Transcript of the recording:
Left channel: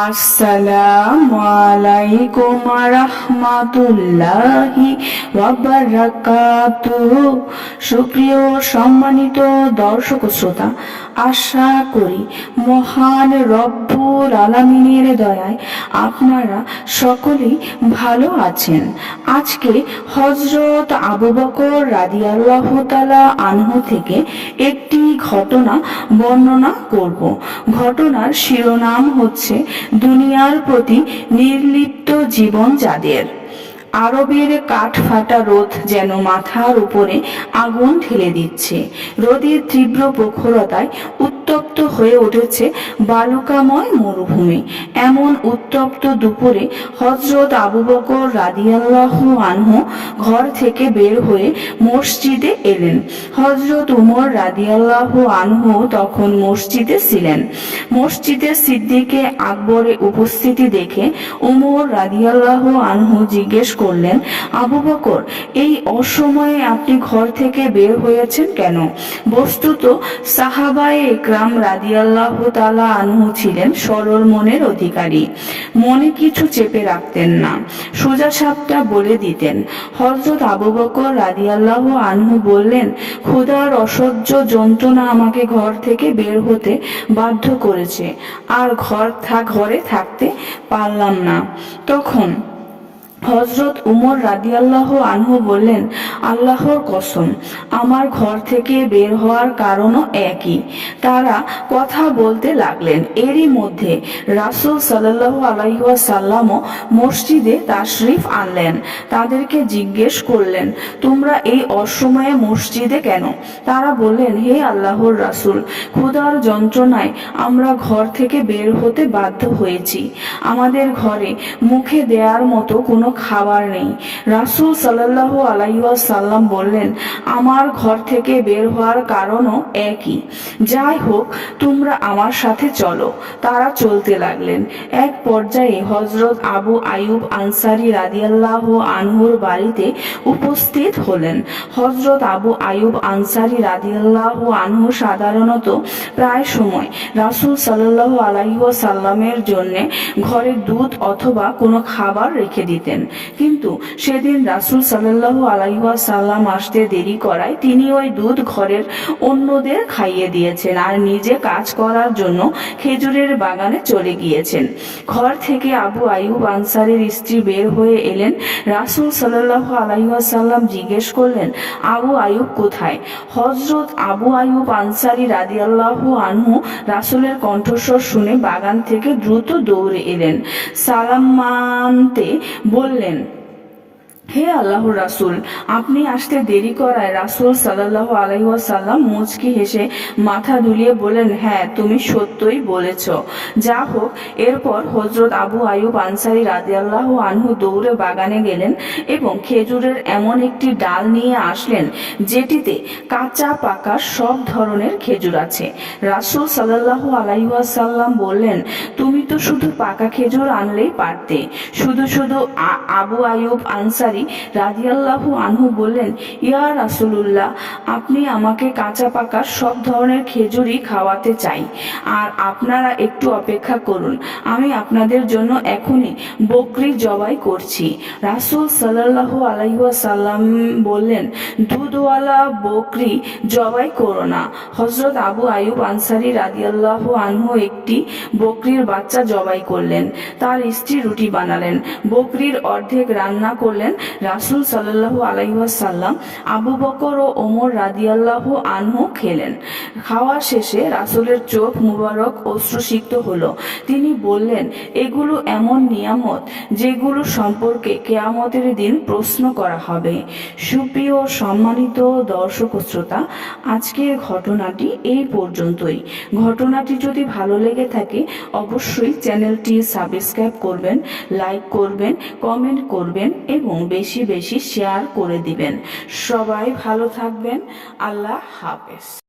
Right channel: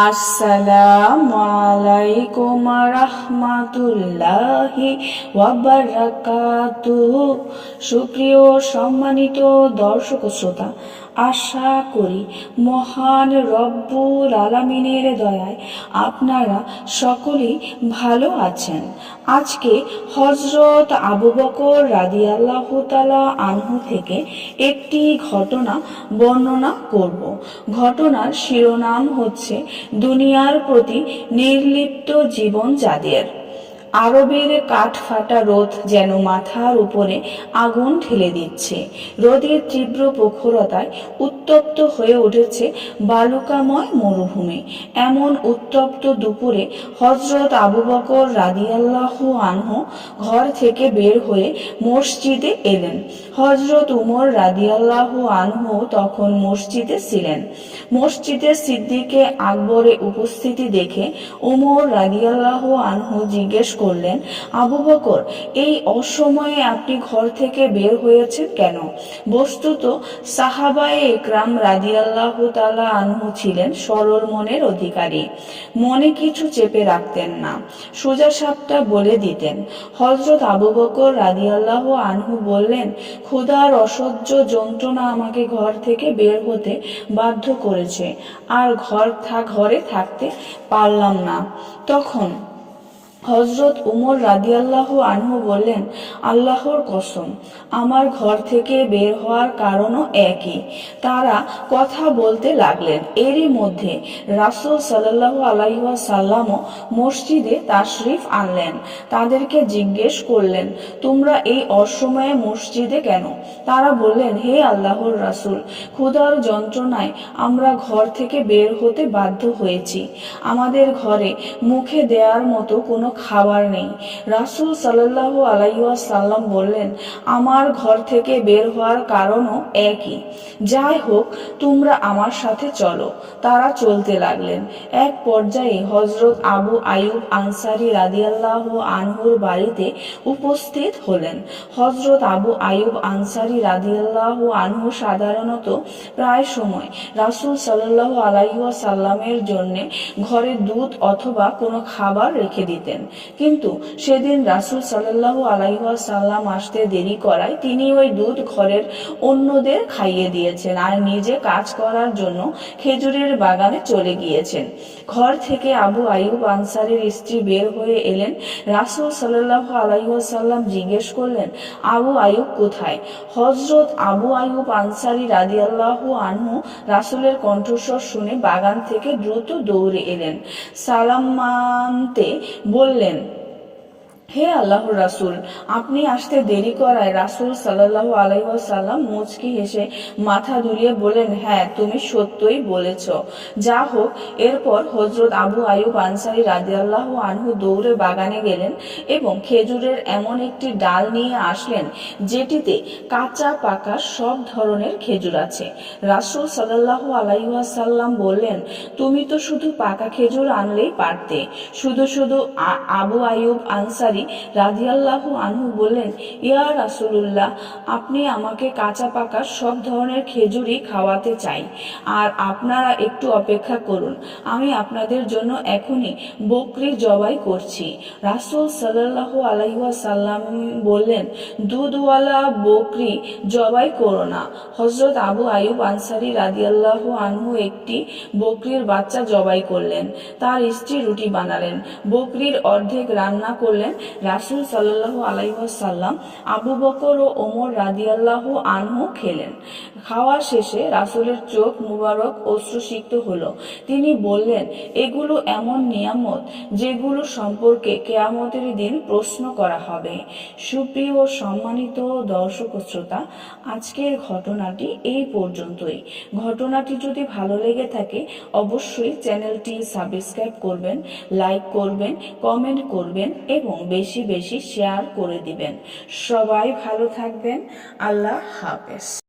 আসসালামু আলাইকুম রাহমাতুল্লাহি ওয়া বারাকাতুহু। সুপ্রিয় সম্মানিত দর্শক শ্রোতা, আশা করি মহান রব্বুল আলামিনের দয়ায় আপনারা সকলেই ভালো আছেন। আজকে হযরত আবু বকর রাদিয়াল্লাহু তাআলা আনহু থেকে একটি ঘটনা বর্ণনা করব। ঘটনার শিরোনাম হচ্ছে দুনিয়ার প্রতি নির্লিপ্ত জীবন যাদের। আরবের কাঠফাটা রোদ যেন মাথার উপরে আগুন ঢেলে দিচ্ছে। রোদের তীব্র প্রখরতায় উত্তপ্ত হয়ে উঠেছে বালুকাময় মরুভূমি। এমন উত্তপ্ত দুপুরে হযরত আবু বকর রাদিয়াল্লাহু আনহু ঘর থেকে বের হয়ে মসজিদে এলেন। হযরত উমর রাদিয়াল্লাহু আনহু তখন মসজিদে ছিলেন। মসজিদে সিদ্দিকে আকবরের উপস্থিতি দেখে উমর রাদিয়াল্লাহু আনহু জিজ্ঞেস করলেন, আবু বকর, এই অসময়ে আপনি ঘর থেকে বের হয়েছেন কেন? বস্তুত সাহাবায়ে একরাম রাদিয়াল্লাহু তাআলা আনহু ছিলেন সরল মনের অধিকারী। মনে কিছু চেপে রাখতেন না, সোজা সাপটা বলে দিতেন। হযরত আবু বকর রাদিয়াল্লাহু আনহু বললেন, ক্ষুধার অসহ্য যন্ত্রণা আমাকে ঘর থেকে বের হতে বাধ্য করেছে, আর ঘরে থাকতে পারলাম না। তখন হযরত উমর রাদিয়াল্লাহু আনহু বললেন, আল্লাহর কসম, আমার ঘর থেকে বের হওয়ার কারণও একই। তারা কথা বলতে লাগলেন। এরই মধ্যে রাসূল সাল্লাল্লাহু আলাইহি ওয়াসাল্লামও মসজিদে তাশরিফ আনলেন। তাদেরকে জিজ্ঞেস করলেন, তোমরা এই অসময়ে মসজিদে কেন? তারা বললেন, হে আল্লাহর রাসূল, ক্ষুধার যন্ত্রণায় আমরা ঘর থেকে বের হতে বাধ্য হয়েছি। আমাদের ঘরে মুখে দেওয়ার মতো কোনো খাবার নেই। রাসূল সাল্লাল্লাহু আলাইহি ওয়াসাল্লাম বললেন, আমার ঘর থেকে বের হওয়ার কারণও একই। যাই হোক, তোমরা আমার সাথে চলো। তারা চলতে লাগলেন। এক পর্যায়ে হযরত আবু আইয়ুব আনসারী রাদিয়াল্লাহু আনহুর বাড়িতে উপস্থিত হলেন। হযরত আবু আইয়ুব আনসারী রাদিয়াল্লাহু আনহু সাধারণত প্রায় সময় রাসূল সাল্লাল্লাহু আলাইহি ওয়াসাল্লামের জন্য ঘরে দুধ অথবা কোনো খাবার রেখে দিতেন। কিন্তু সেদিন রাসূল সাল্লাল্লাহু আলাইহি ওয়াসাল্লাম আসতে দেরি করায় তিনি ওই দুধ ঘরের অন্যদের খাইয়ে দিয়েছেন আর নিজে কাজ করার জন্য খেজুরের বাগানে চলে গিয়েছেন। ঘর থেকে আবু আইয়ুব আনসারীর স্ত্রী বের হয়ে এলেন। রাসূল সাল্লাল্লাহু আলাইহি ওয়াসাল্লাম জিজ্ঞেস করলেন, আবু আইয়ুব কোথায়? হযরত আবু আইয়ুব আনসারী রাদিয়াল্লাহু আনহু রাসূলের কণ্ঠস্বর শুনে বাগান থেকে দ্রুত দৌড়ে এলেন। সালাম মানতে বললেন, হে আল্লাহর রাসূল, আপনি আসতে দেরি করায়। রাসূল সাল্লাল্লাহু আলাইহি ওয়াসাল্লাম মুচকি হেসে মাথা দুলিয়ে বললেন, হ্যাঁ, তুমি সত্যই বলেছ। যা হোক, এরপর হযরত আবু আইয়ুব আনসারী রাদিয়াল্লাহু আনহু দৌড়ে বাগানে গেলেন এবং খেজুরের এমন একটি ডাল নিয়ে আসলেন যেটিতে কাঁচা পাকা সব ধরনের খেজুর আছে। রাসূল সাল্লাল্লাহু আলাইহি ওয়াসাল্লাম বললেন, তুমি তো শুধু পাকা খেজুর আনলেই পারতে। শুধু আবু আইয়ুব আনসারী রাদিয়াল্লাহু আনহু বললেন, ইয়া রাসূলুল্লাহ, আপনি আমাকে কাঁচা পাকা সব ধরনের খেজুরই খাওয়াতে চাই, আর আপনারা একটু অপেক্ষা করুন, আমি আপনাদের জন্য এখনই বকরি জবাই করছি। রাসূল সাল্লাল্লাহু আলাইহি ওয়াসাল্লাম বললেন, দুধওয়ালা বকরি জবাই করো না। হযরত আবু আইয়ুব আনসারী রাদিয়াল্লাহু আনহু একটি বকরির বাচ্চা জবাই করলেন। তার স্ত্রী রুটি বানালেন, বকরির অর্ধেক রান্না করলেন। রাসূল সাল্লাল্লাহু আলাইহি ওয়াসাল্লাম, আবু বকর ও ওমর রাদিয়াল্লাহু আনহু খেলেন। খাওয়া শেষে রাসূলের চোখ মুবারক অশ্রুসিক্ত হলো। তিনি বললেন, এগুলো এমন নিয়ামত যেগুলো সম্পর্কে কিয়ামতের দিন প্রশ্ন করা হবে। সুপ্রিয় সম্মানিত দর্শক শ্রোতা, আজকের ঘটনাটি এই পর্যন্তই। ঘটনাটি যদি ভালো লেগে থাকে অবশ্যই চ্যানেলটি সাবস্ক্রাইব করবেন, লাইক করবেন, কমেন্ট করবেন এবং বেশি বেশি শেয়ার করে দিবেন। সবাই ভালো থাকবেন। আল্লাহ হাফেজ।